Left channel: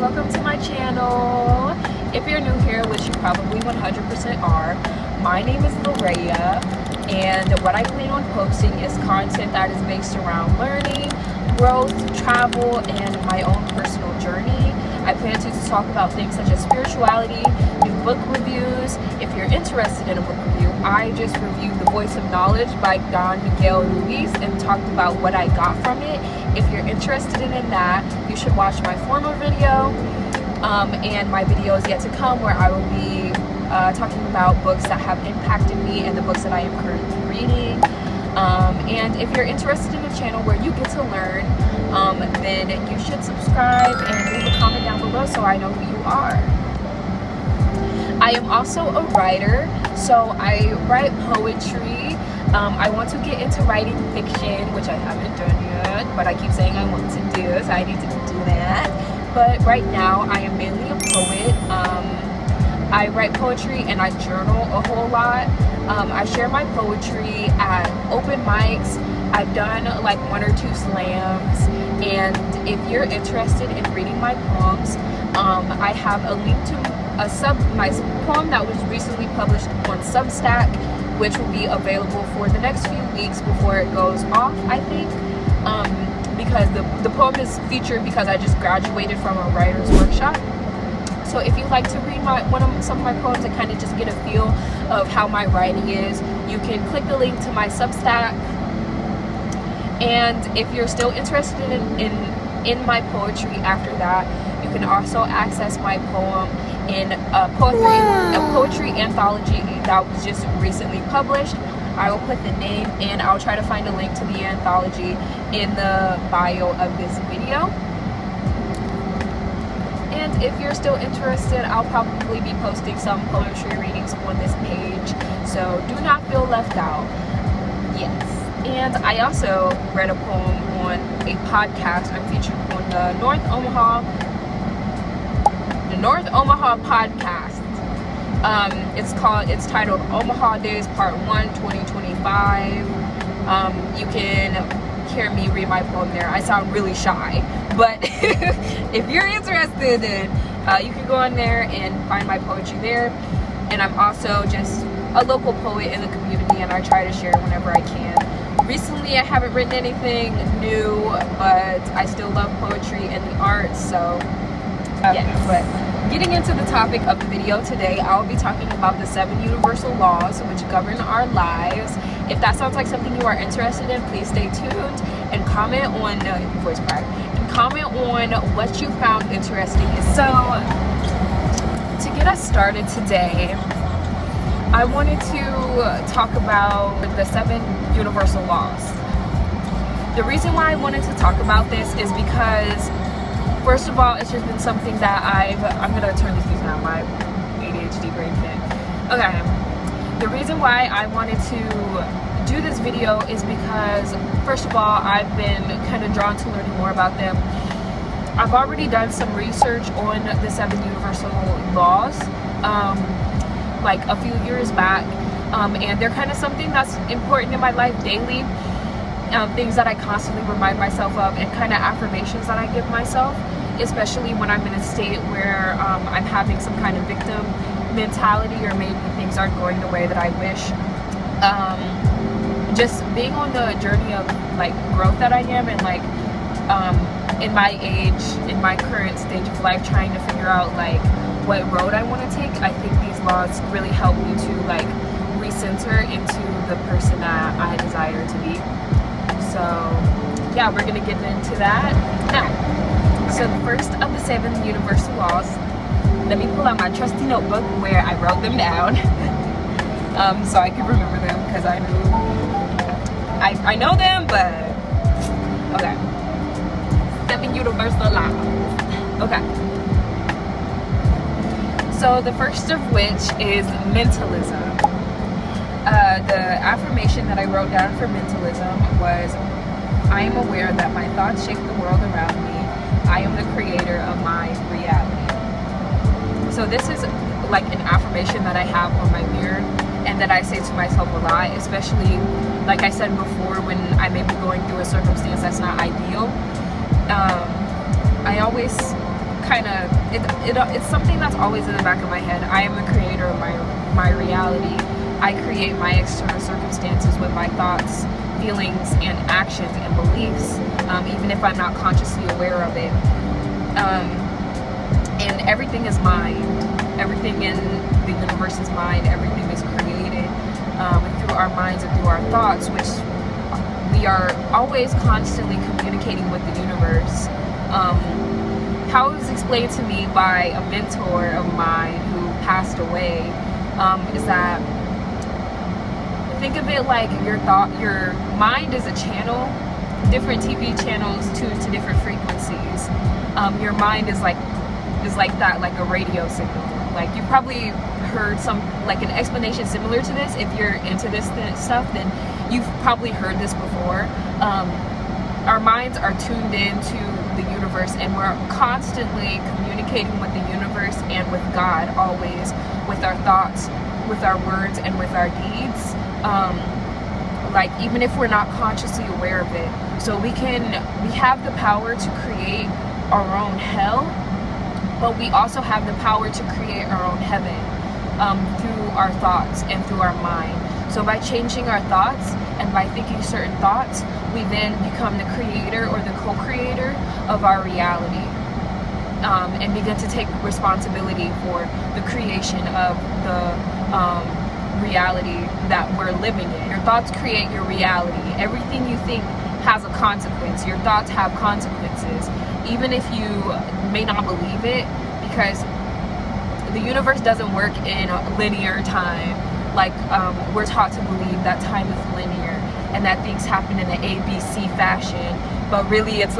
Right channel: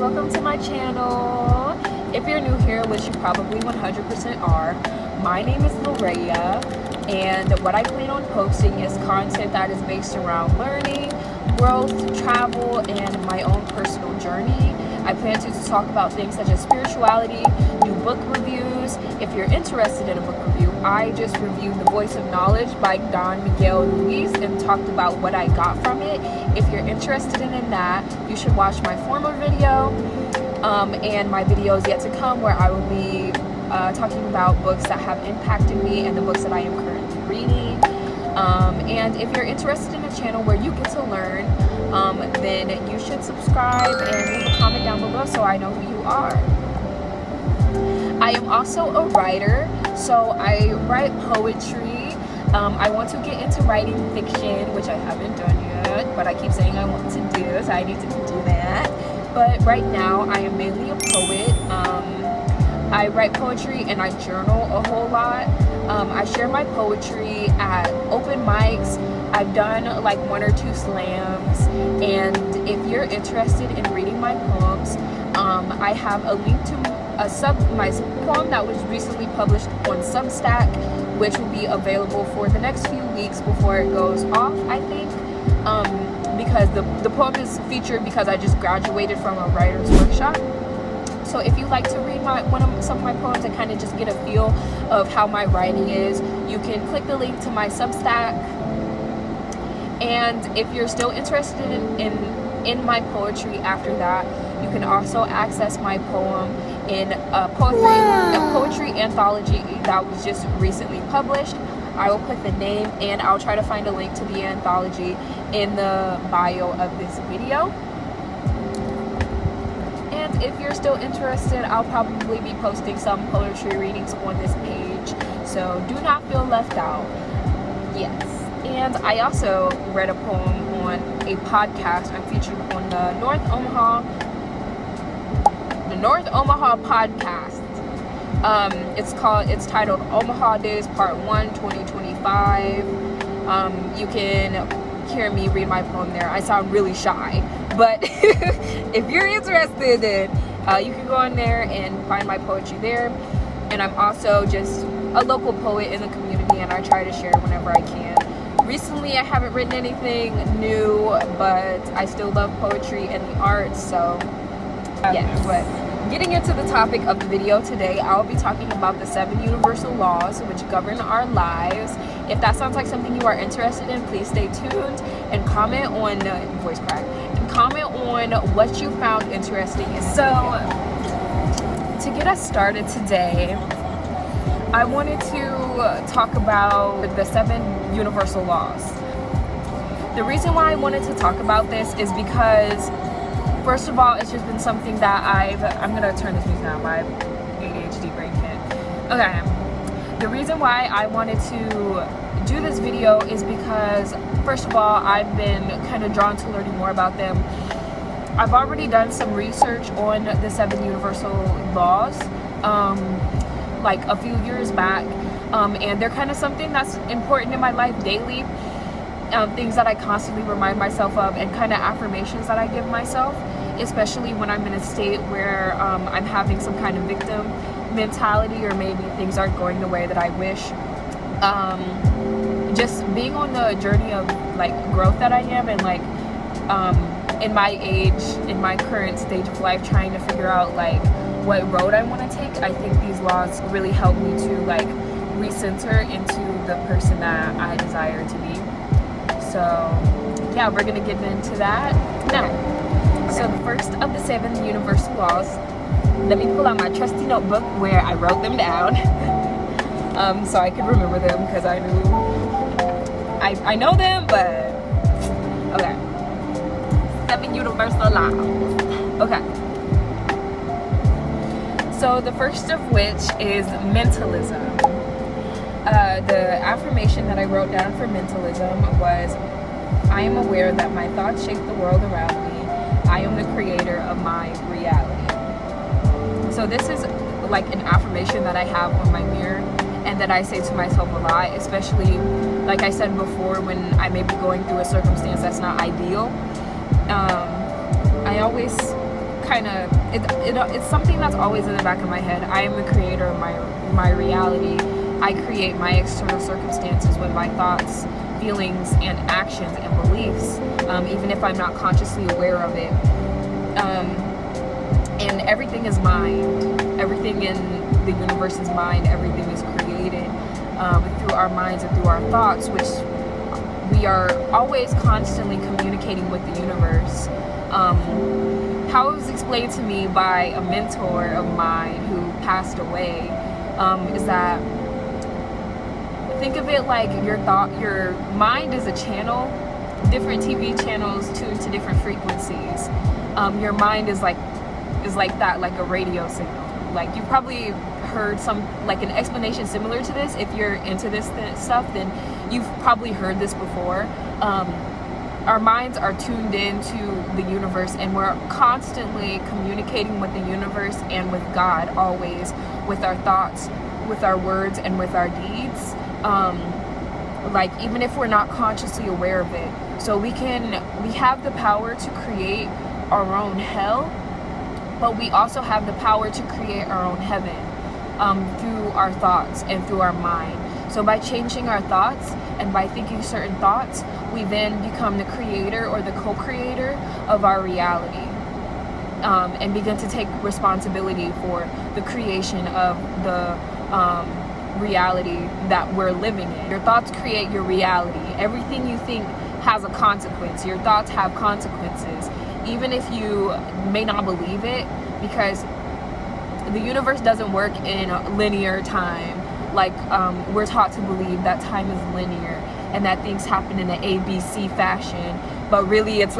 welcome to my channel. If you're new here, which you probably 100% are, my name is Lorea, and what I plan on posting is content that is based around learning, growth, travel, and my own personal journey. I plan to talk about things such as spirituality, do book reviews. If you're interested in a book review, I just reviewed The Voice of Knowledge by Don Miguel Ruiz and talked about what I got from it. If you're interested in that, you should watch my former video and my videos yet to come, where I will be talking about books that have impacted me and the books that I am currently reading. And if you're interested in a channel where you get to learn, then you should subscribe and leave a comment down below so I know who you are. I am also a writer, so I write poetry. I want to get into writing fiction, which I haven't done yet, but I keep saying I want to do, so I need to do that. But right now, I am mainly a poet. I write poetry and I journal a whole lot. I share my poetry at open mics. I've done like 1 or 2 slams, and if you're interested in reading my poems, I have a link to my poem that was recently published on Substack, which will be available for the next few weeks before it goes off, I think, because the poem is featured because I just graduated from a writer's workshop. So if you like to read some of my poems and kind of just get a feel of how my writing is, you can click the link to my Substack. And if you're still interested in my poetry after that, you can also access my poem in a poetry anthology that was just recently published. I will put the name and I'll try to find a link to the anthology in the bio of this video. And if you're still interested, I'll probably be posting some poetry readings on this page, so do not feel left out. Yes. And I also read a poem on a podcast. I'm featured on the North Omaha podcast. It's titled Omaha Days Part 1 2025. You can hear me read my poem there. I sound really shy, but if you're interested, then you can go in there and find my poetry there. And I'm also just a local poet in the community, and I try to share whenever I can. Recently, I haven't written anything new, but I still love poetry and the arts, so yeah. But getting into the topic of the video today, I'll be talking about the 7 universal laws which govern our lives. If that sounds like something you are interested in, please stay tuned and comment on comment on what you found interesting in this video. To get us started today, I wanted to talk about the 7 universal laws. The reason why I wanted to talk about this is because, first of all, it's just been something that I'm gonna turn this down, my ADHD brain can't. Okay. The reason why I wanted to do this video is because, first of all, I've been kind of drawn to learning more about them. I've already done some research on the 7 universal laws, like a few years back, and they're kind of something that's important in my life daily. Things that I constantly remind myself of, and kind of affirmations that I give myself, especially when I'm in a state where I'm having some kind of victim mentality, or maybe things aren't going the way that I wish. Just being on the journey of like growth that I am, and like in my age, in my current stage of life, trying to figure out like what road I want to take, I think these laws really help me to like recenter into the person that I desire to be. So yeah, we're gonna get into that now. So the first of the 7 universal laws, let me pull out my trusty notebook where I wrote them down so I could remember them, because I know them, but okay. 7 universal laws. Okay. So the first of which is mentalism. The affirmation that I wrote down for mentalism was, I am aware that my thoughts shape the world around me. I am the creator of my reality. So this is like an affirmation that I have on my mirror, and that I say to myself a lot, especially like I said before, when I may be going through a circumstance that's not ideal. I always kind it's something that's always in the back of my head. I am the creator of my reality. I create my external circumstances with my thoughts, feelings, and actions and beliefs, even if I'm not consciously aware of it. And everything is mind. Everything in the universe is mind. Everything is created through our minds and through our thoughts, which we are always constantly communicating with the universe. How it was explained to me by a mentor of mine who passed away is that, think of it like your mind is a channel, different TV channels tuned to different frequencies. Your mind is like that, like a radio signal. Like, you've probably heard an explanation similar to this. If you're into this stuff, then you've probably heard this before. Our minds are tuned into the universe, and we're constantly communicating with the universe and with God, always, with our thoughts, with our words, and with our deeds. Even if we're not consciously aware of it. So we have the power to create our own hell, but we also have the power to create our own heaven through our thoughts and through our mind. So by changing our thoughts and by thinking certain thoughts, we then become the creator or the co-creator of our reality, and begin to take responsibility for the creation of the reality that we're living in. Your thoughts create your reality. Everything you think has a consequence. Your thoughts have consequences, even if you may not believe it, because the universe doesn't work in a linear time. We're taught to believe that time is linear and that things happen in an ABC fashion, but really it's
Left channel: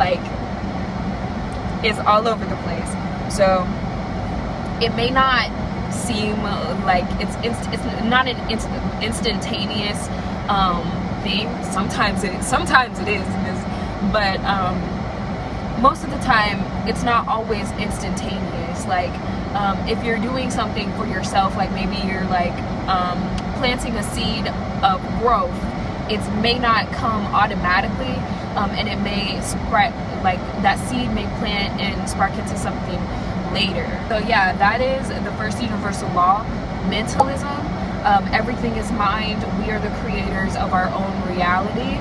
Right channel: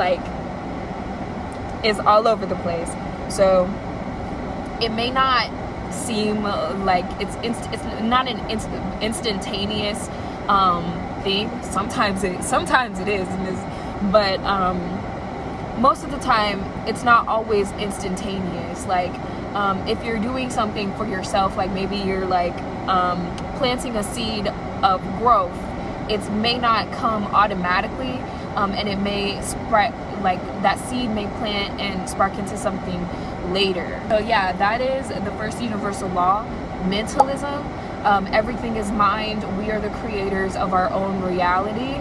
all over the place. So it may not seem like it's not an instantaneous thing. Sometimes it is, but most of the time it's not always instantaneous. If you're doing something for yourself, like maybe you're planting a seed of growth, it may not come automatically, and it may sprout, that seed may plant and spark into something later. So yeah, that is the first universal law, mentalism. Everything is mind. We are the creators of our own reality.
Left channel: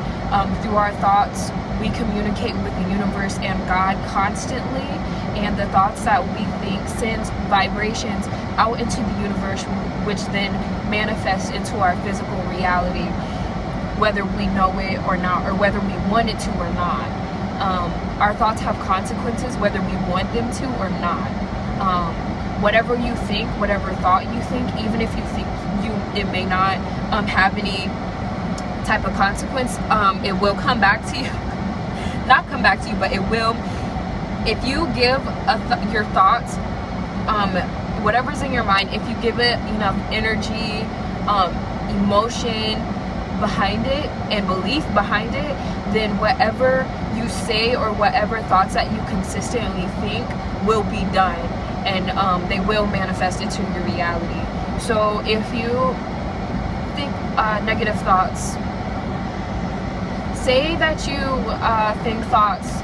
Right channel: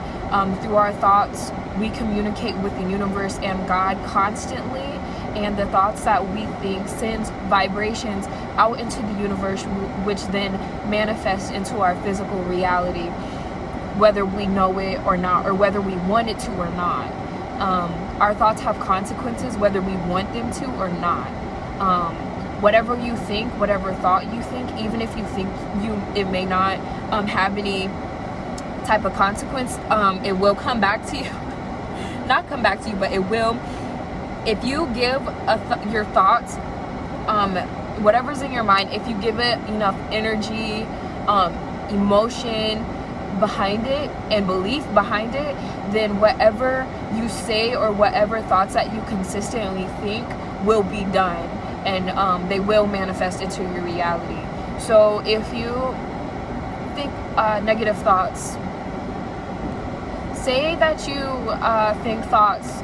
Through our thoughts, we communicate with the universe and God constantly, and the thoughts that we think sends vibrations out into the universe, which then manifests into our physical reality, whether we know it or not, or whether we want it to or not. Our thoughts have consequences whether we want them to or not. Whatever you think, whatever thought you think, even if you think it may not have any type of consequence, it will come back to you. Not come back to you, but it will. If you give your thoughts, whatever's in your mind, if you give it enough energy, emotion behind it, and belief behind it, then whatever you say or whatever thoughts that you consistently think will be done, and they will manifest into your reality. So if you think negative thoughts, say that you think thoughts,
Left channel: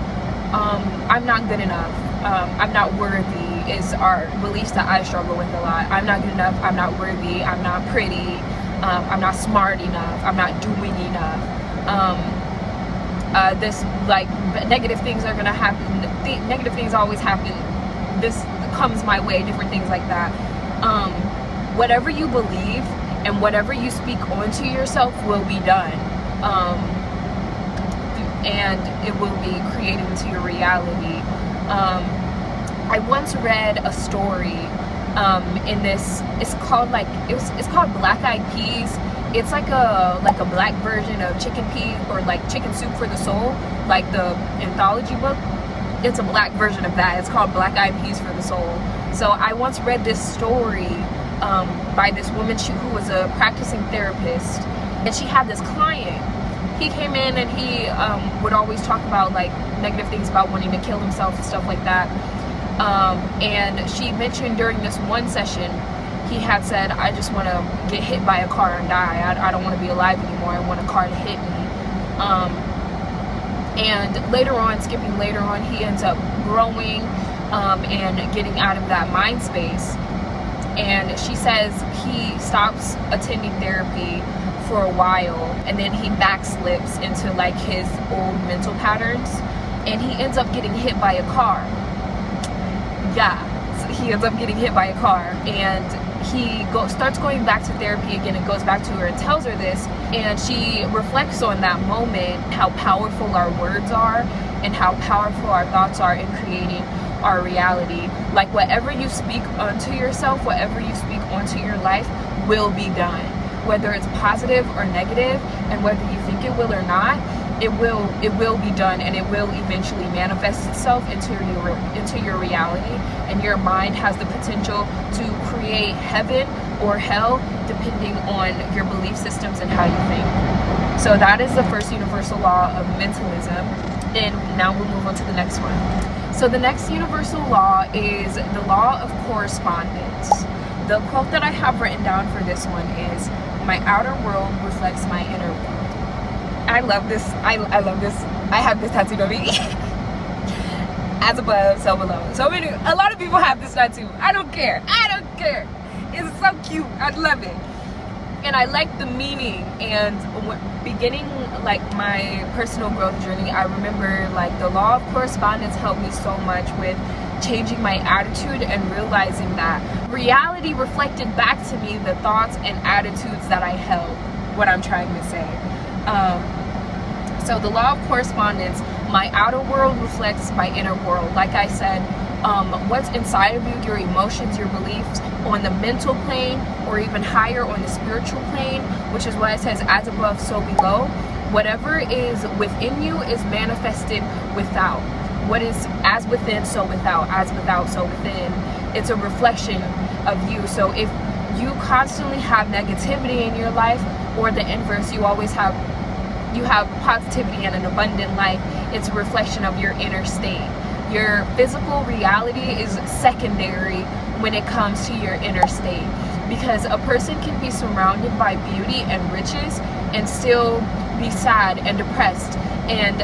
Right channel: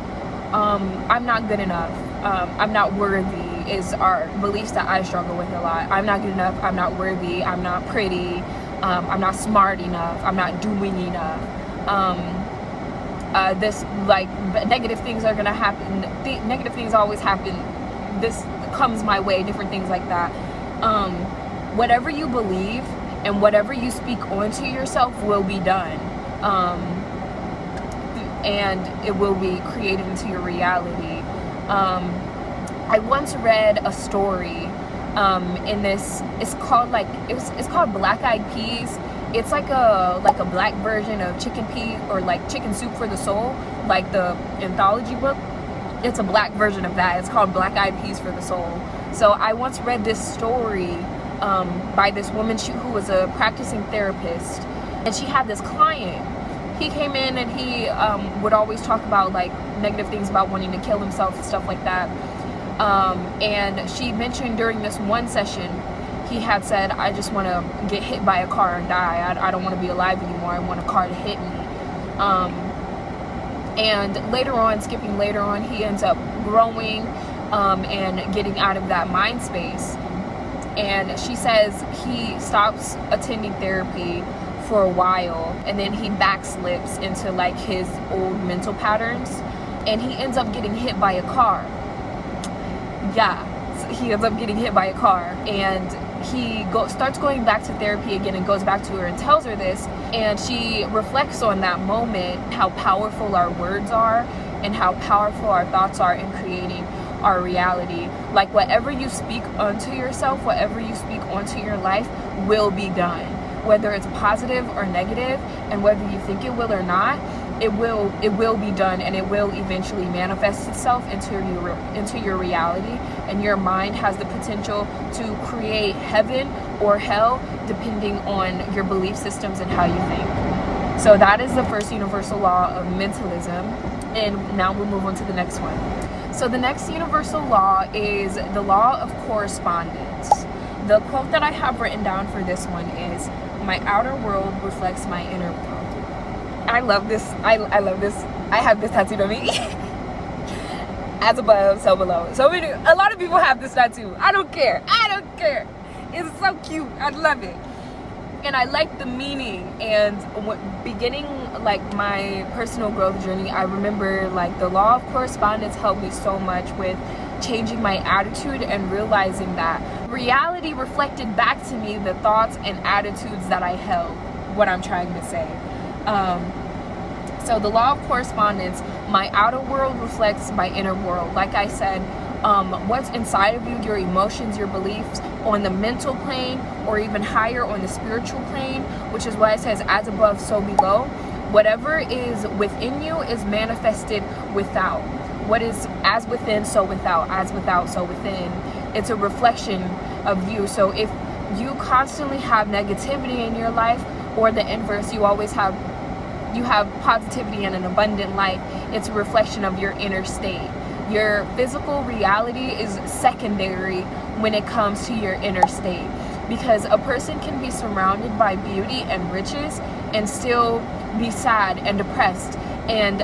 I'm not good enough, I'm not worthy, is our beliefs that I struggle with a lot. I'm not good enough, I'm not worthy, I'm not pretty, I'm not smart enough, I'm not doing enough. Negative things are gonna happen. Negative things always happen. This comes my way, different things like that. Whatever you believe and whatever you speak onto yourself will be done. And it will be created into your reality. I once read a story in this. It's called Black Eyed Peas. It's like a black version of Chicken Soup for the Soul, like the anthology book. It's a black version of that. It's called Black Eyed Peas for the Soul. So I once read this story by this woman who was a practicing therapist, and she had this client. He came in and he would always talk about negative things about wanting to kill himself and stuff like that. And she mentioned during this one session, he had said, I just want to get hit by a car and die. I don't want to be alive anymore. I want a car to hit me. And later on, skipping later on, he ends up growing. and getting out of that mind space. And she says he stops attending therapy for a while, and then he backslips into like his old mental patterns, and he ends up getting hit by a car. Yeah, so he ends up getting hit by a car, and he starts going back to therapy again and goes back to her and tells her this, and she reflects on that moment, how powerful our words are and how powerful our thoughts are in creating our reality. Like, whatever you speak unto yourself, whatever you speak onto your life will be done, whether it's positive or negative, and whether you think it will or not, it will be done, and it will eventually manifest itself into your reality. And your mind has the potential to create heaven or hell depending on your belief systems and how you think. So that is the first universal law of mentalism. And now we'll move on to the next one. So the next universal law is the law of correspondence. The quote that I have written down for this one is, "My outer world reflects my inner world." I love this. I love this. I have this tattooed on me. As above, so below. So a lot of people have this tattoo. I don't care. It's so cute. I love it. And I like the meaning. And beginning like my personal growth journey, I remember like the law of correspondence helped me so much with changing my attitude and realizing that reality reflected back to me the thoughts and attitudes that I held. What I'm trying to say. So the law of correspondence, my outer world reflects my inner world. Like I said, what's inside of you, your emotions, your beliefs on the mental plane, or even higher on the spiritual plane, which is why it says as above, so below. Whatever is within you is manifested without. What is as within, so without. As without, so within. It's a reflection of you. So if you constantly have negativity in your life, or the inverse, you have positivity and an abundant life, it's a reflection of your inner state. Your physical reality is secondary when it comes to your inner state, because a person can be surrounded by beauty and riches and still be sad and depressed, and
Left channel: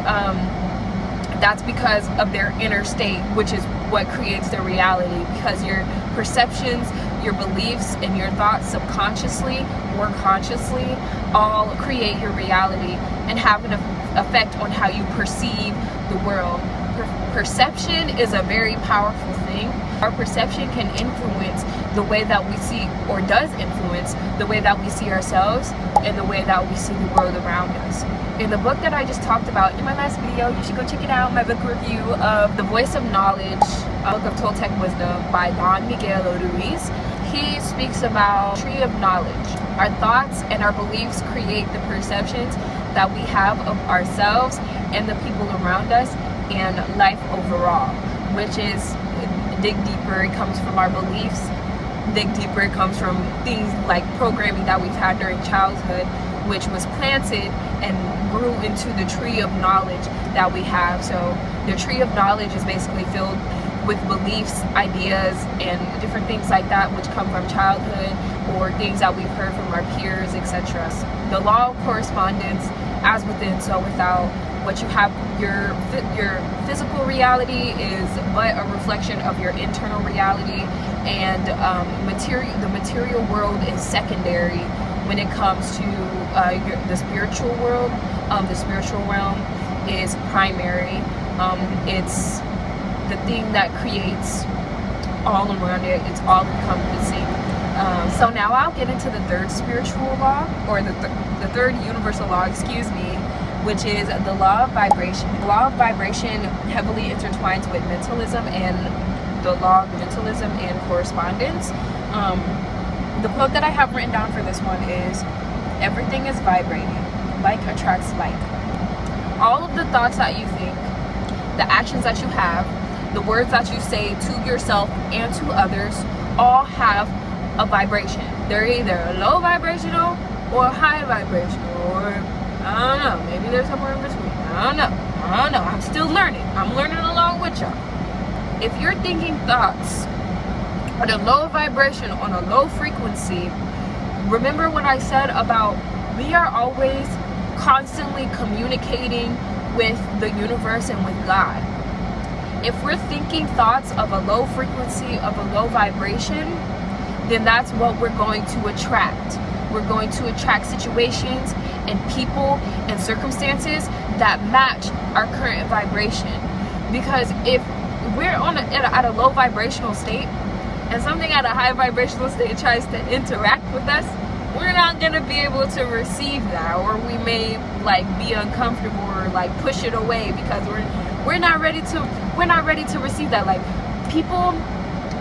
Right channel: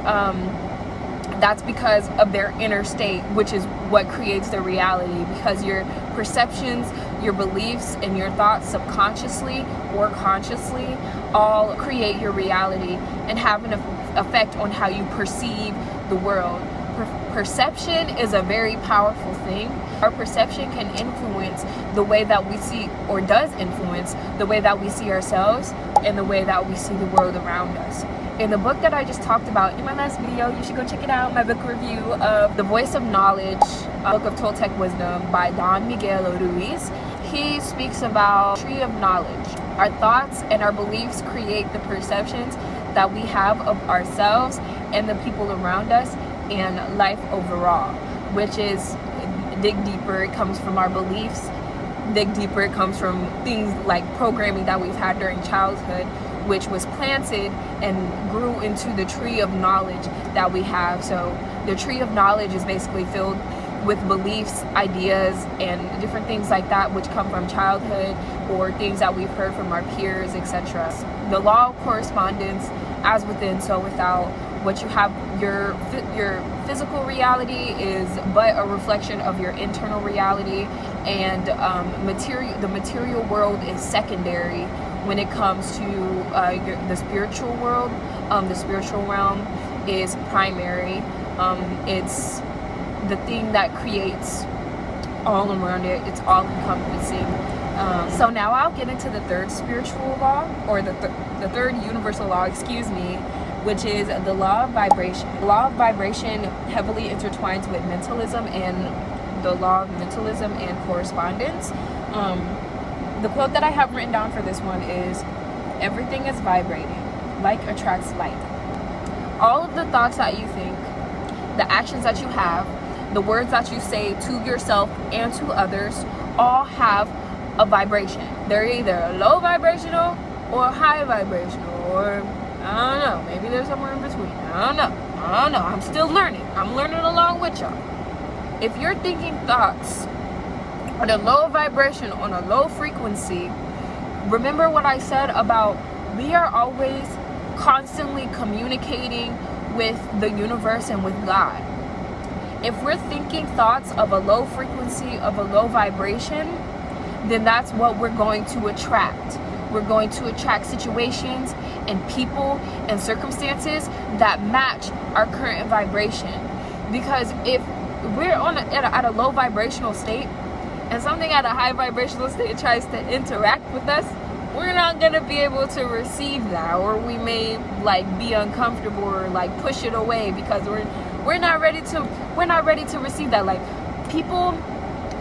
that's because of their inner state, which is what creates their reality, because your perceptions, your beliefs, and your thoughts subconsciously or consciously all create your reality and have an effect on how you perceive the world. Perception is a very powerful thing. Our perception can influence the way that we see, or does influence the way that we see ourselves and the way that we see the world around us. In the book that I just talked about in my last video, you should go check it out, my book review of The Voice of Knowledge, a book of Toltec wisdom by Don Miguel Ruiz. He speaks about tree of knowledge. Our thoughts and our beliefs create the perceptions that we have of ourselves and the people around us and life overall, which is, dig deeper, it comes from our beliefs. Dig deeper, it comes from things like programming that we've had during childhood, which was planted and grew into the tree of knowledge that we have. So the tree of knowledge is basically filled with beliefs, ideas, and different things like that, which come from childhood or things that we've heard from our peers, etc. The law of correspondence, as within, so without. What you have, your physical reality is but a reflection of your internal reality, and the material world is secondary when it comes to the spiritual world. The spiritual realm is primary. It's the thing that creates all around it. It's all encompassing. So now I'll get into the third spiritual law, or the third universal law, which is the law of vibration. The law of vibration heavily intertwines with mentalism and the law of mentalism and correspondence. The quote that I have written down for this one is, "Everything is vibrating. Like attracts like." All of the thoughts that you think, the actions that you have, the words that you say to yourself and to others, all have a vibration. They're either low vibrational or high vibrational, or I don't know, maybe there's somewhere in between. I don't know. I'm still learning. I'm learning along with y'all. If you're thinking thoughts on a low vibration, on a low frequency, remember what I said about we are always constantly communicating with the universe and with God. If we're thinking thoughts of a low frequency, of a low vibration, then that's what we're going to attract. We're going to attract situations and people and circumstances that match our current vibration. Because if we're at a low vibrational state and something at a high vibrational state tries to interact with us, we're not going to be able to receive that, or we may like be uncomfortable or like push it away because we're not ready to receive that. Like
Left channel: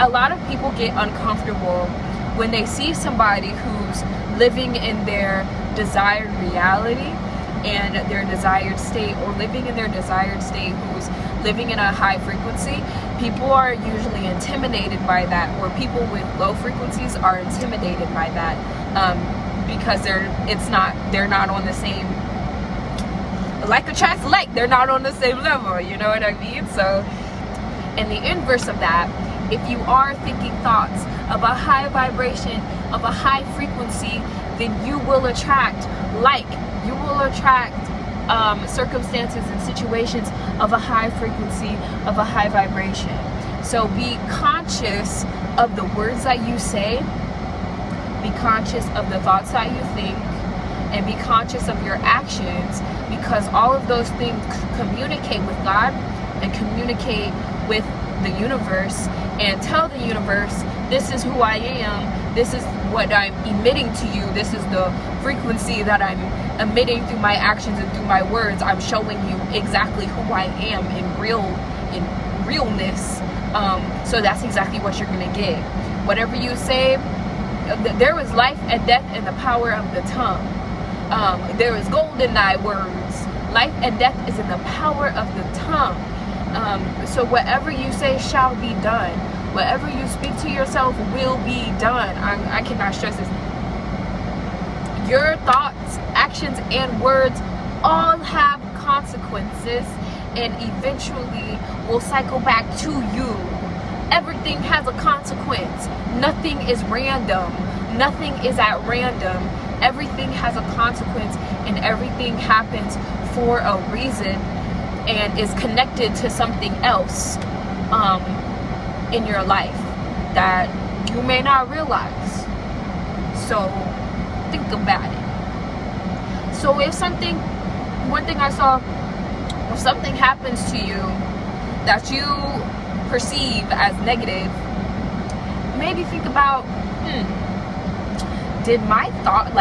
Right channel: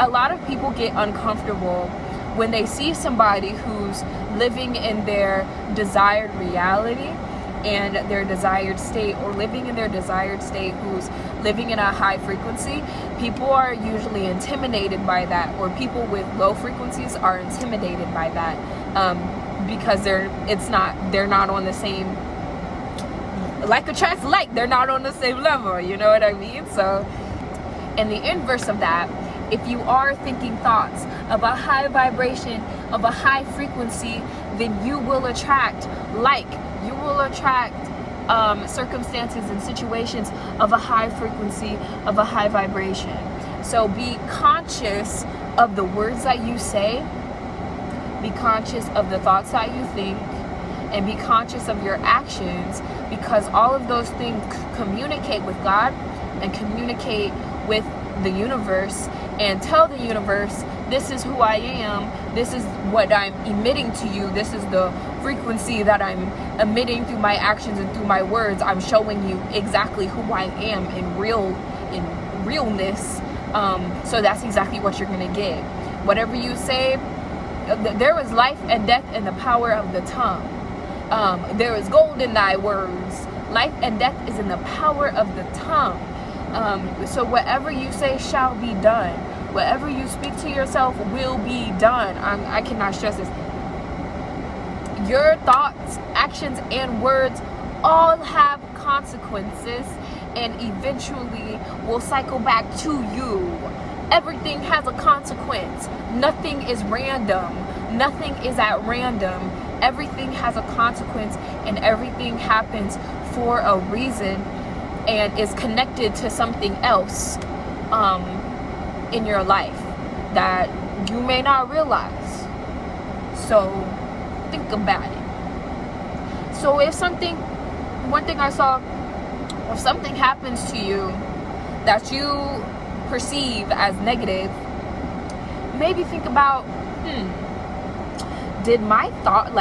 a lot of people get uncomfortable when they see somebody who's living in their desired reality and their desired state, or living in their desired state who's living in a high frequency. People are usually intimidated by that, or people with low frequencies are intimidated by that, because they're not on the same, like attracts like, they're not on the same level, you know what I mean? So, and the inverse of that, if you are thinking thoughts of a high vibration, of a high frequency, then you will attract you will attract circumstances and situations of a high frequency, of a high vibration. So be conscious of the words that you say, be conscious of the thoughts that you think, and be conscious of your actions, because all of those things communicate with God and communicate with the universe and tell the universe, this is who I am, this is what I'm emitting to you, this is the frequency that I'm emitting through my actions and through my words. I'm showing you exactly who I am in realness. So that's exactly what you're gonna get. Whatever you say, there is life and death in the power of the tongue. There is gold in thy words. Life and death is in the power of the tongue. So whatever you say shall be done. Whatever you speak to yourself will be done. I cannot stress this. Your thoughts, actions, and words all have consequences, and eventually will cycle back to you. Everything has a consequence. Nothing is random. Nothing is at random. Everything has a consequence, and everything happens for a reason and is connected to something else in your life that you may not realize. So think about it. So one thing I saw, if something happens to you that you perceive as negative, maybe think about, did my thoughts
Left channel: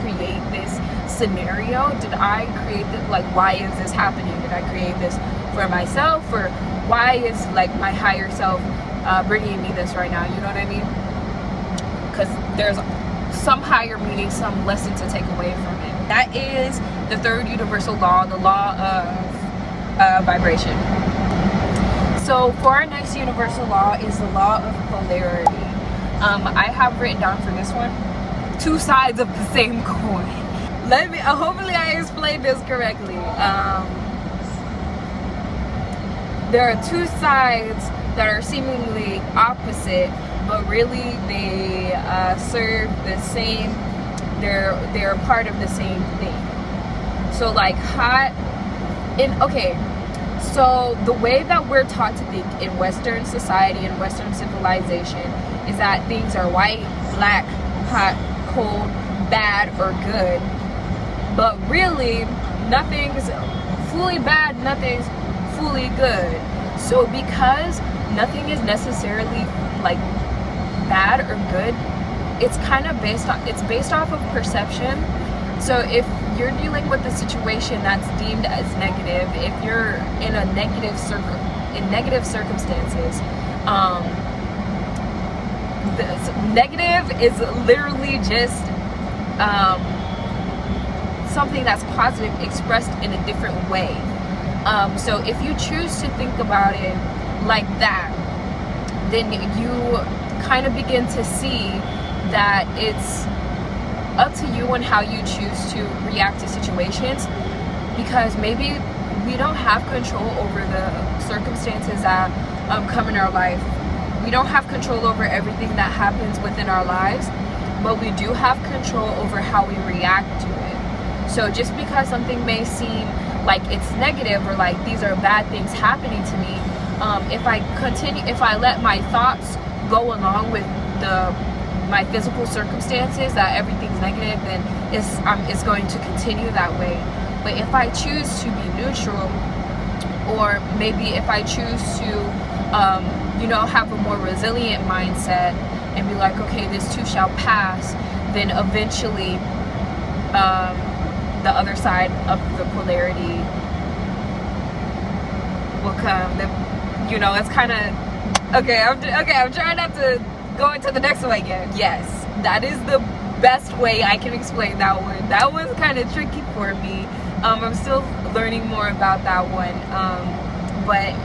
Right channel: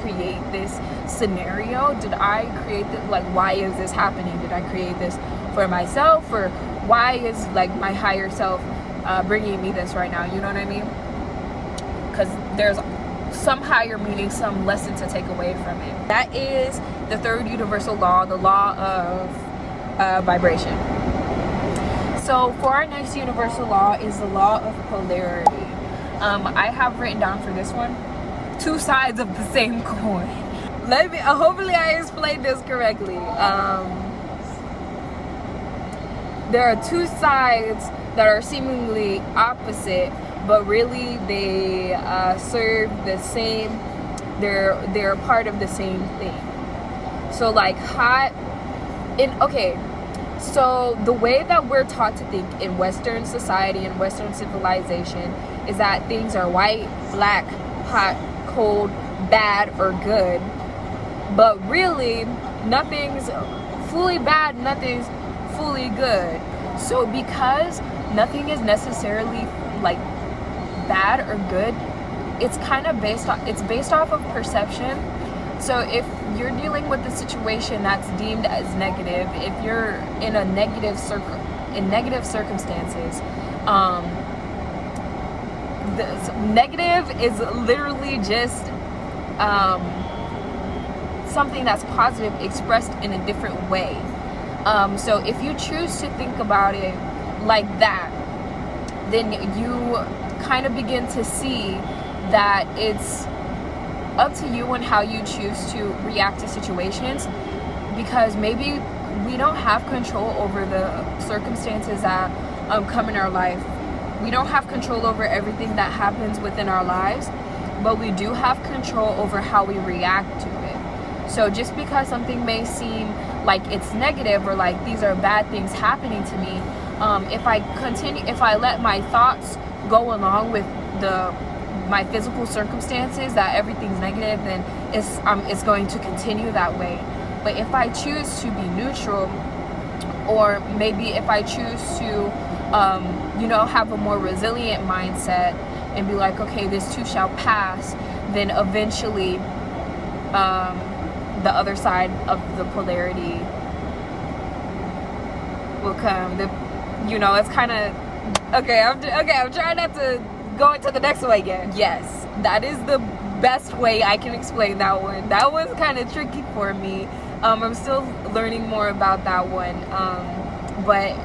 create this scenario? Did I create this? Like, why is this happening? Did I create this for myself, or why is like my higher self bringing me this right now? You know what I mean? Because there's some higher meaning, some lesson to take away from it. That is the third universal law, the law of vibration. So for our next universal law is the law of polarity. I have written down for this one, two sides of the same coin. Hopefully I explained this correctly. There are two sides that are seemingly opposite, but really they serve the same, they're part of the same thing. So like so the way that we're taught to think in Western society and Western civilization is that things are white, black, hot, cold, bad, or good. But really, nothing's fully bad, nothing's fully good. So because nothing is necessarily like bad or good, it's kind of based off of perception. So if you're dealing with a situation that's deemed as negative, if you're in a negative circumstances, negative is literally just something that's positive expressed in a different way. So if you choose to think about it like that, then you kind of begin to see that it's up to you and how you choose to react to situations, because maybe we don't have control over the circumstances that come in our life. We don't have control over everything that happens within our lives, but we do have control over how we react to it. So just because something may seem like it's negative or like these are bad things happening to me, if I let my thoughts go along with my physical circumstances, that everything's negative, then it's going to continue that way. But if I choose to be neutral, or maybe if I choose to have a more resilient mindset and be like, okay, this too shall pass, then eventually the other side of the polarity will come. It's kind of okay. I'm trying not to go into the next one again. Yes, that is the best way I can explain that one. That was kind of tricky for me. I'm still learning more about that one, but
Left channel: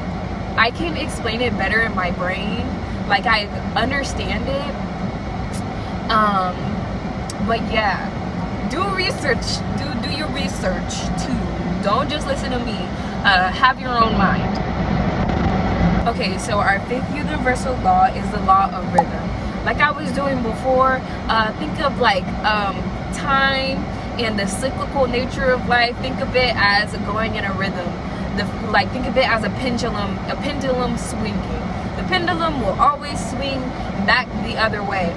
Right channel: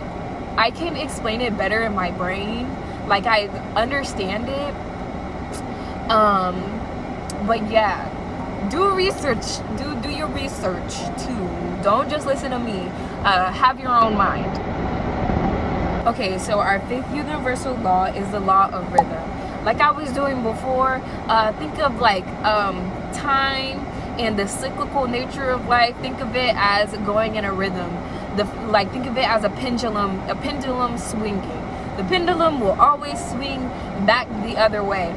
I can explain it better in my brain. Like, I understand it. But yeah, do research. Do your research too. Don't just listen to me. Have your own mind. Okay, so our fifth universal law is the law of rhythm. Like I was doing before, think of like time and the cyclical nature of life. Think of it as going in a rhythm. Think of it as a pendulum swinging. The pendulum will always swing back the other way.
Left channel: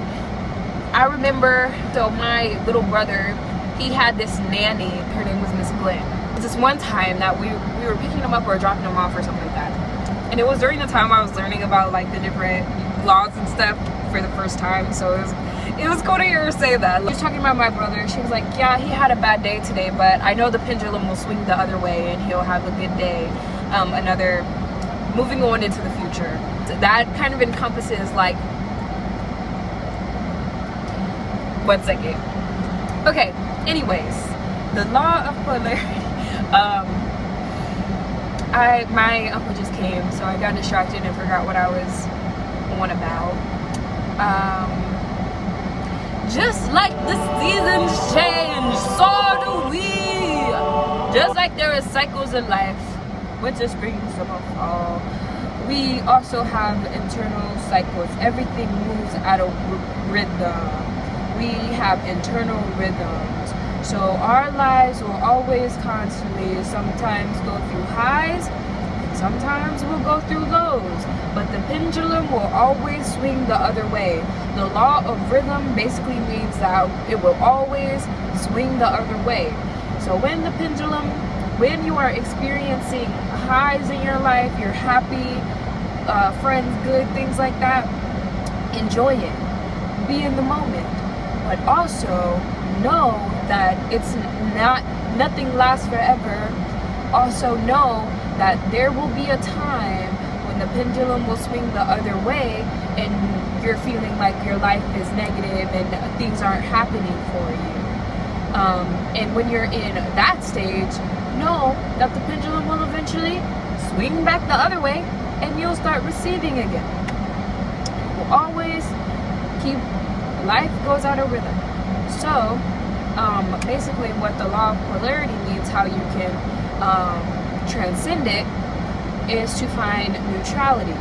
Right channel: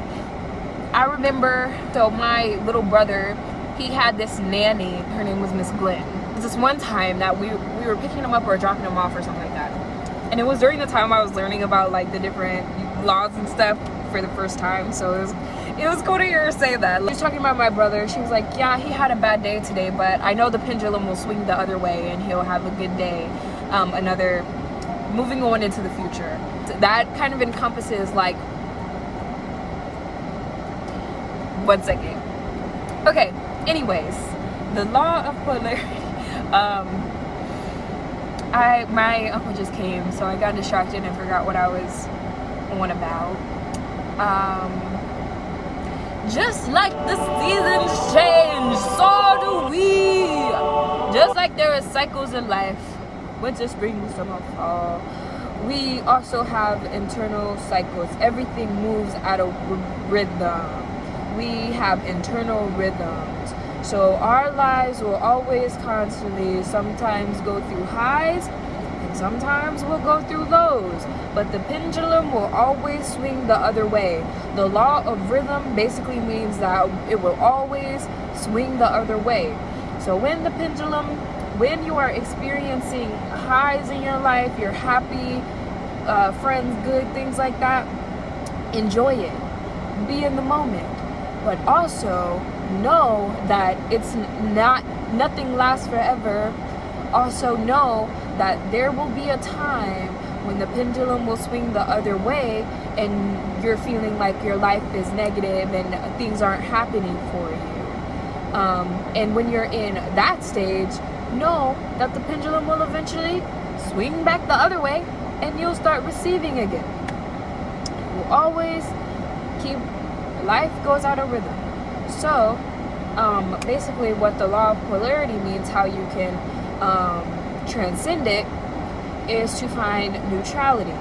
I remember, so my little brother, he had this nanny. Her name was Miss Glenn. This one time that we were picking him up or dropping him off or something like that. And it was during the time I was learning about like the different laws and stuff for the first time. So it was cool to hear her say that. She was talking about my brother. She was like, yeah, he had a bad day today, but I know the pendulum will swing the other way and he'll have a good day. Moving on into the future. So that kind of encompasses like, 1 second. Okay, anyways, the law of polarity. My uncle just came, so I got distracted and forgot what I was on about. Just like the seasons change, so do we. Just like there are cycles in life, winter, spring, summer, fall, we also have internal cycles. Everything moves at a rhythm. We have internal rhythms. So our lives will always constantly sometimes go through highs and sometimes we'll go through lows. But the pendulum will always swing the other way. The law of rhythm basically means that it will always swing the other way. So when you are experiencing highs in your life, you're happy, friends, good, things like that, enjoy it. Be in the moment. But also know that nothing lasts forever. Also know that there will be a time when the pendulum will swing the other way and you're feeling like your life is negative and things aren't happening for you. And when you're in that stage, know that the pendulum will eventually swing back the other way and you'll start receiving again. We'll always keep, life goes out of rhythm. So basically what the law of polarity means, how you can transcend it, is to find neutrality,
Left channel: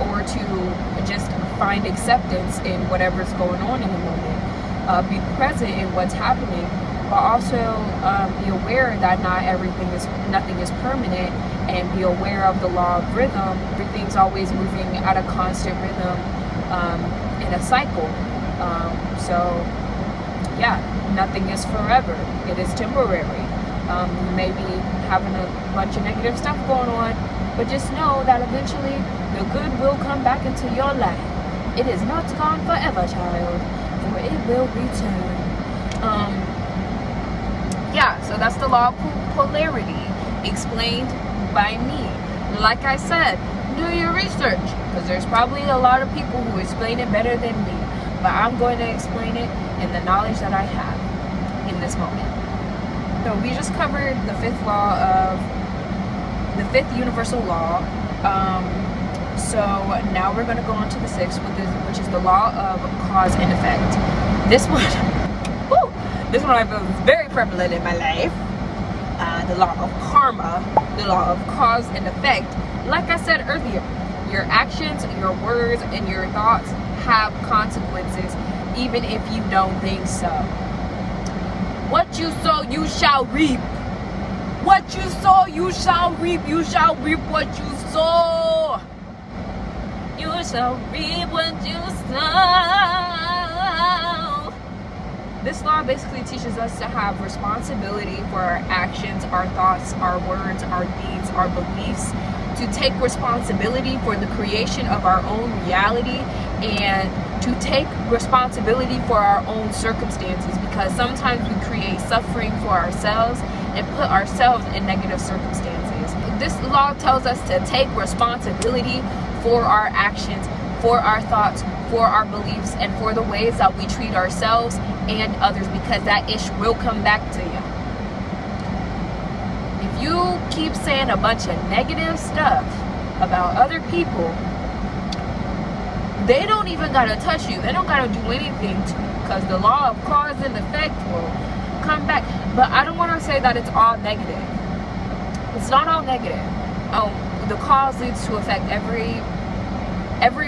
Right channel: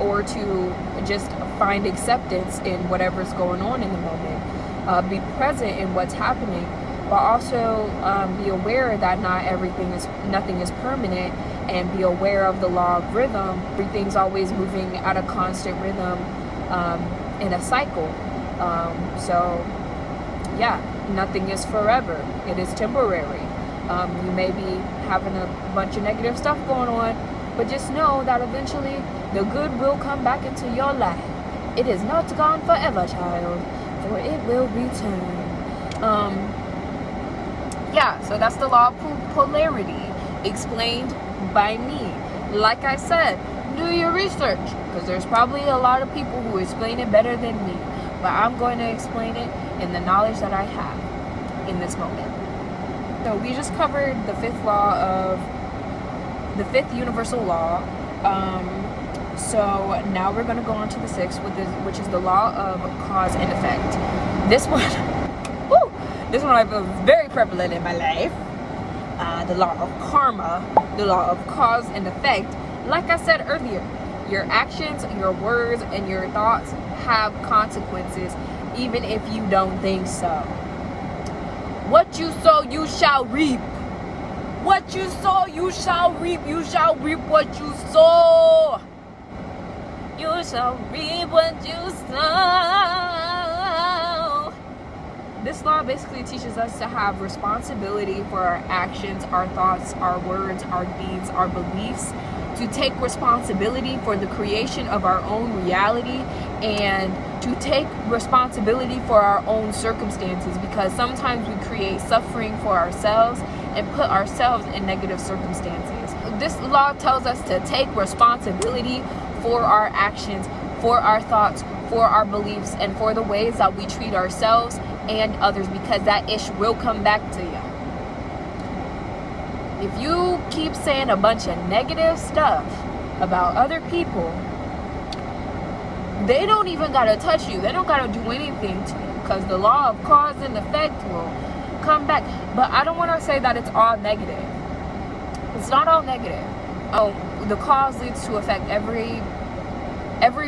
or to just find acceptance in whatever's going on in the moment. Be present in what's happening, but also be aware that nothing is permanent, and be aware of the law of rhythm. Everything's always moving at a constant rhythm in a cycle. So yeah, nothing is forever. It is temporary. You may be having a bunch of negative stuff going on, but just know that eventually the good will come back into your life. It is not gone forever, child, for it will return. Yeah, so that's the law of polarity, explained by me. Like I said, do your research, because there's probably a lot of people who explain it better than me, but I'm going to explain it in the knowledge that I have in this moment. So we just covered the fifth universal law. So now we're going to go on to the sixth, which is the law of cause and effect. This one I feel is very prevalent in my life. The law of karma, the law of cause and effect. Like I said earlier, your actions, your words, and your thoughts have consequences, even if you don't think so. What you sow, you shall reap. What you sow, you shall reap. You shall reap what you sow. You shall reap what you sow. This law basically teaches us to have responsibility for our actions, our thoughts, our words, our deeds, our beliefs, to take responsibility for the creation of our own reality, and to take responsibility for our own circumstances, because sometimes we create suffering for ourselves and put ourselves in negative circumstances. This law tells us to take responsibility for our actions, for our thoughts, for our beliefs, and for the ways that we treat ourselves and others, because that ish will come back to you. If you keep saying a bunch of negative stuff about other people, they don't even gotta touch you. They don't gotta do anything to you, because the law of cause and effect will come back. But I don't want to say that it's all negative. It's not all negative. The cause leads to effect. Every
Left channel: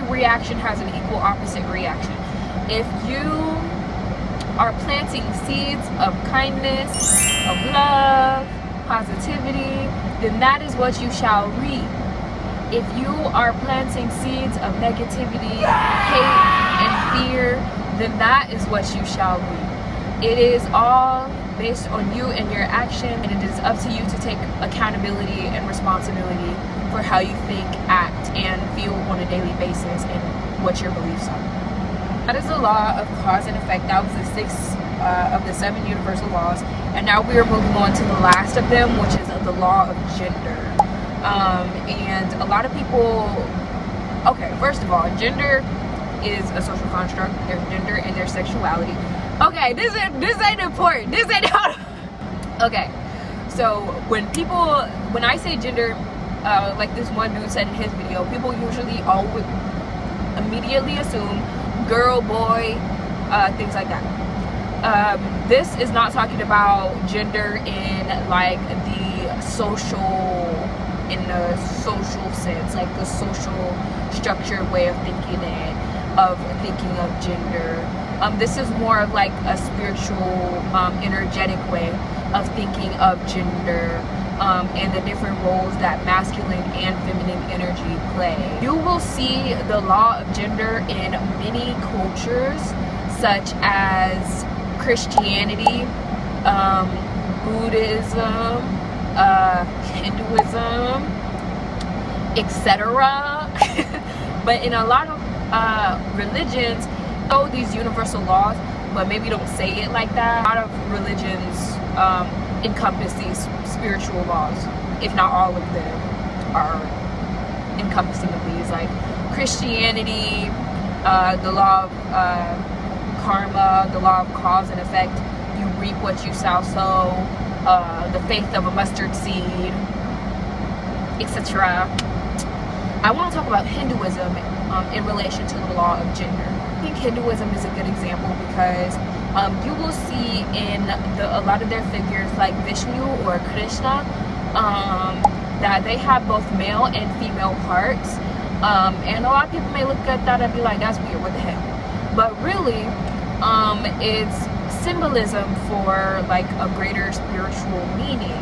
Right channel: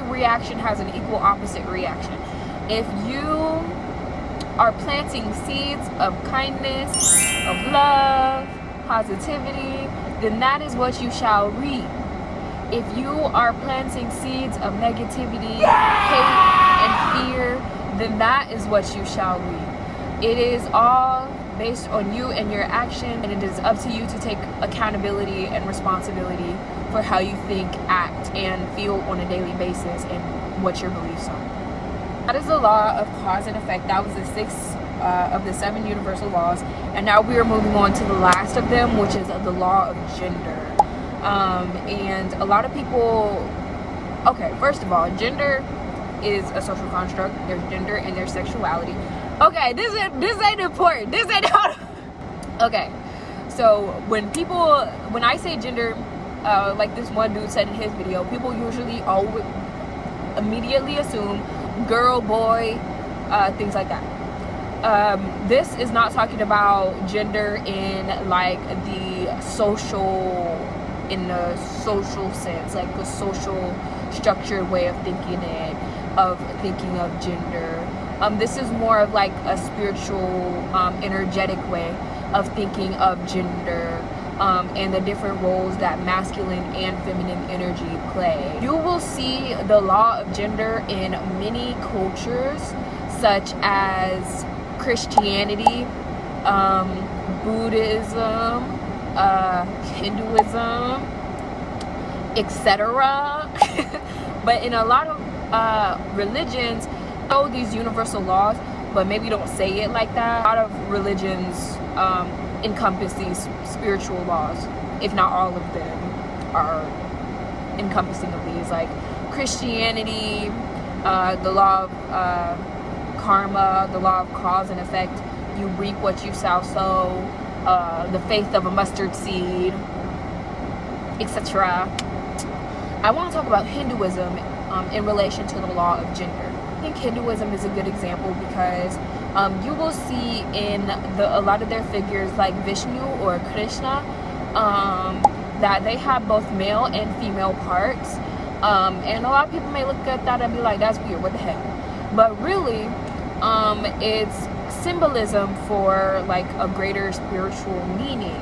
reaction has an equal opposite reaction. If you are planting seeds of kindness, of love, positivity, then that is what you shall reap. If you are planting seeds of negativity, hate, and fear, then that is what you shall reap. It is all based on you and your action, and it is up to you to take accountability and responsibility for how you think, act, and feel on a daily basis, and what your beliefs are. That is the law of cause and effect. That was the sixth of the 7 universal laws, and now we are moving on to the last of them, which is the law of gender. And a lot of people, okay, first of all, gender is a social construct. There's gender and there's sexuality. Okay, this ain't important. This ain't okay. So when I say gender, like this one dude said in his video, people usually always immediately assume girl, boy, things like that. This is not talking about gender in like the social sense, like the social structured way of thinking of gender. This is more of like a spiritual, energetic way of thinking of gender, and the different roles that masculine and feminine energy play. You will see the law of gender in many cultures, such as Christianity, Buddhism, Hinduism, etc. But in a lot of religions, these universal laws, but maybe don't say it like that. A lot of religions encompass these spiritual laws, if not all of them are encompassing of these. Like Christianity, the law of karma, the law of cause and effect, you reap what you shall sow, the faith of a mustard seed, etc. I want to talk about Hinduism in relation to the law of gender. I think Hinduism is a good example because you will see in a lot of their figures, like Vishnu or Krishna, that they have both male and female parts. And a lot of people may look at that and be like, that's weird, what the hell? But really, it's symbolism for like a greater spiritual meaning,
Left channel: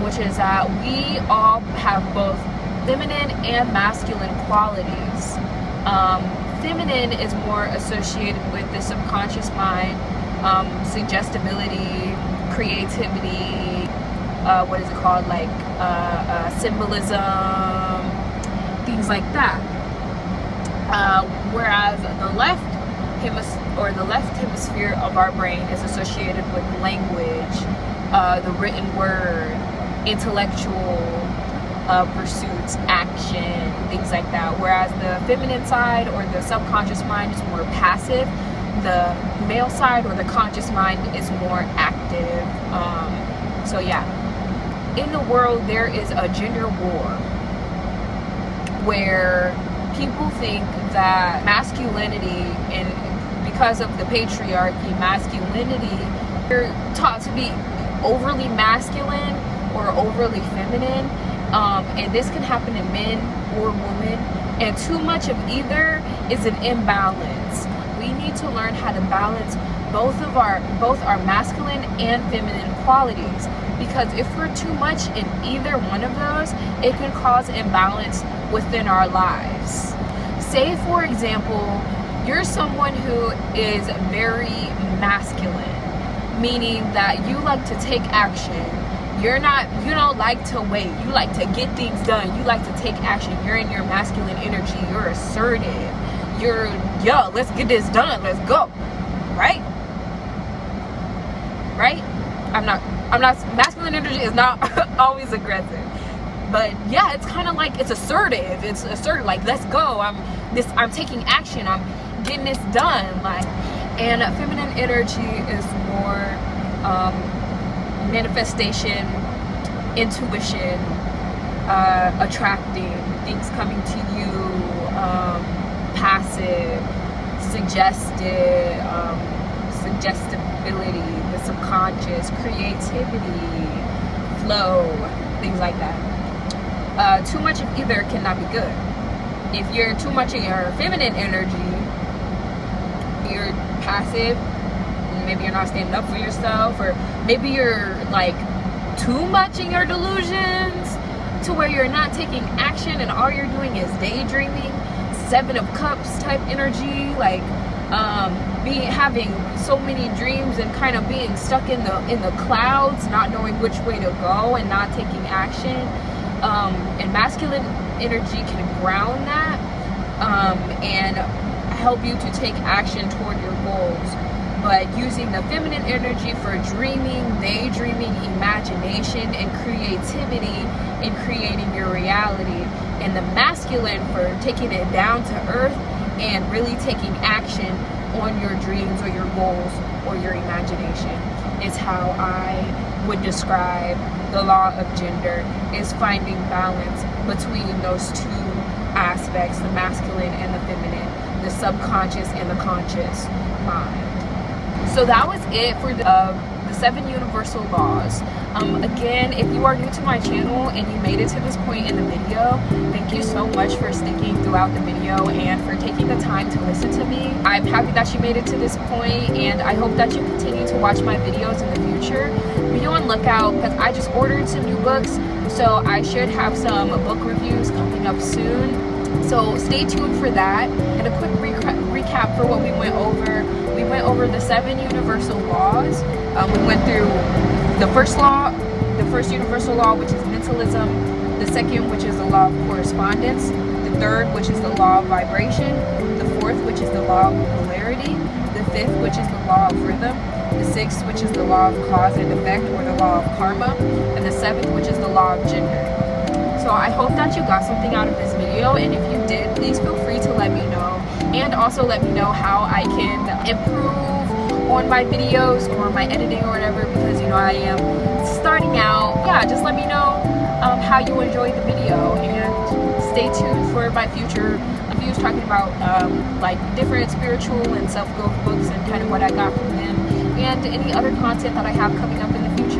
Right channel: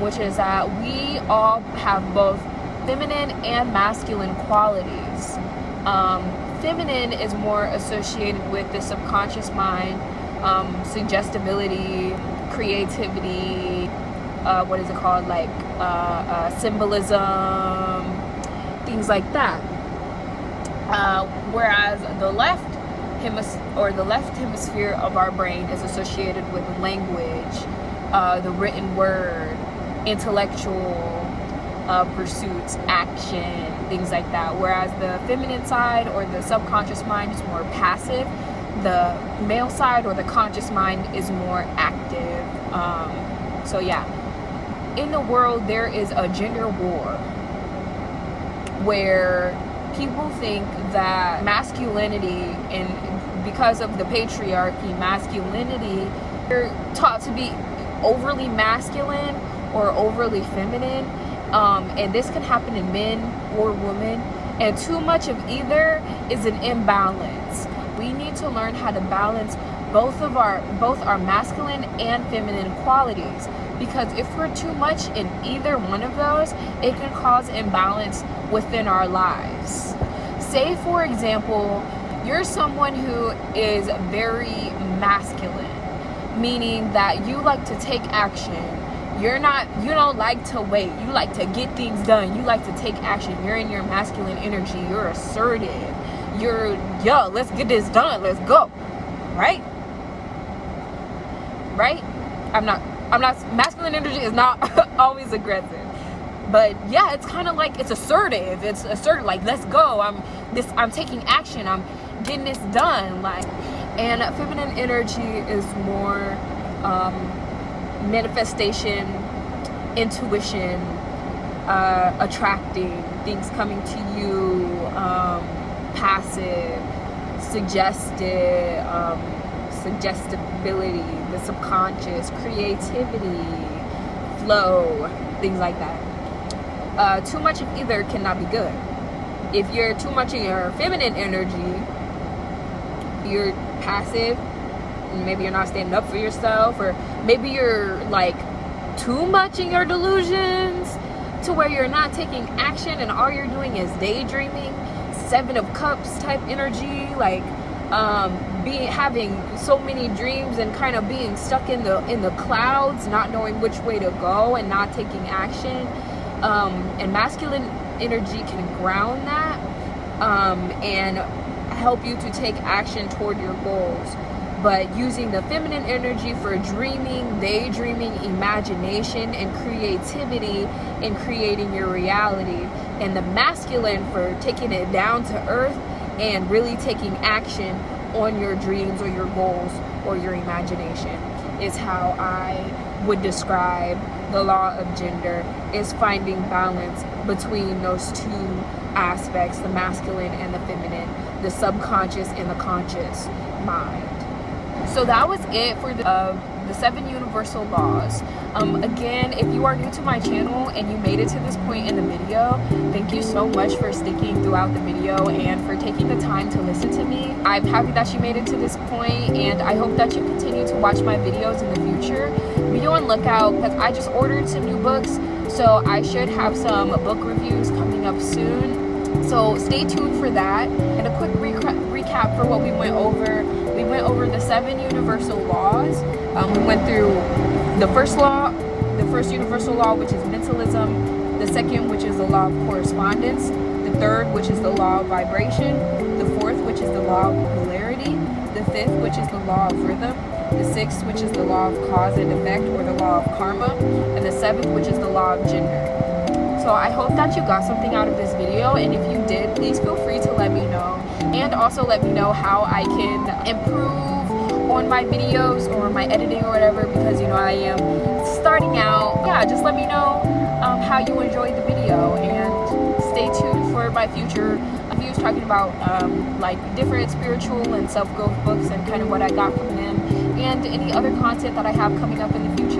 which is that we all have both feminine and masculine qualities. Feminine is more associated with the subconscious mind, suggestibility, creativity, what is it called, like symbolism, things like that. Whereas the left hemisphere of our brain is associated with language, the written word, intellectual pursuits, action, things like that. Whereas the feminine side or the subconscious mind is more passive. The male side or the conscious mind is more active. So yeah, in the world there is a gender war where people think that masculinity, and because of the patriarchy, masculinity, they're taught to be overly masculine or overly feminine. And this can happen in men or women, and too much of either is an imbalance. We need to learn how to balance both our masculine and feminine qualities, because if we're too much in either one of those, it can cause imbalance within our lives. Say, for example, you're someone who is very masculine, meaning that you like to take action. You don't like to wait. You like to get things done. You like to take action. You're in your masculine energy. You're assertive. Yo, let's get this done. Let's go. Right? Masculine energy is not always aggressive. But yeah, it's kind of like, it's assertive. It's assertive, like, let's go. I'm taking action. I'm getting this done. And feminine energy is more manifestation, intuition, attracting things coming to you, passive, suggestibility, the subconscious, creativity, flow, things like that. Too much of either cannot be good. If you're too much in your feminine energy, you're passive, maybe you're not standing up for yourself, or maybe you're like too much in your delusions to where you're not taking action and all you're doing is daydreaming. 7 of Cups type energy, like having so many dreams and kind of being stuck in the clouds, not knowing which way to go and not taking action. And masculine energy can ground that and help you to take action toward your goals. But using the feminine energy for dreaming, daydreaming, imagination, and creativity in creating your reality, and the masculine for taking it down to earth and really taking action on your dreams or your goals or your imagination, is how I would describe the law of gender, is finding balance between those two aspects, the masculine and the feminine, the subconscious and the conscious mind. So that was it for the 7 universal laws. Again, if you are new to my channel and you made it to this point in the video, thank you so much for sticking throughout the video and for taking the time to listen to me. I'm happy that you made it to this point, and I hope that you continue to watch my videos in the future. Be on lookout, because I just ordered some new books, so I should have some book reviews coming up soon. So stay tuned for that. And a quick recap for what we went over. We went over the 7 universal laws. We went through the first law, the first universal law, which is mentalism. The second, which is the law of correspondence. The third, which is the law of vibration. The fourth, which is the law of polarity. The fifth, which is the law of rhythm. The sixth, which is the law of cause and effect, or the law of karma. And the seventh, which is the law of gender. So I hope that you got something out of this video, and if you did, please feel free to let me know, and also let me know how I can improve on my videos or my editing or whatever, because I am starting out. Yeah, just let me know how you enjoyed the video, and stay tuned for my future reviews talking about like different spiritual and self-growth books and kind of what I got from them, and any other content that I have coming up in the future.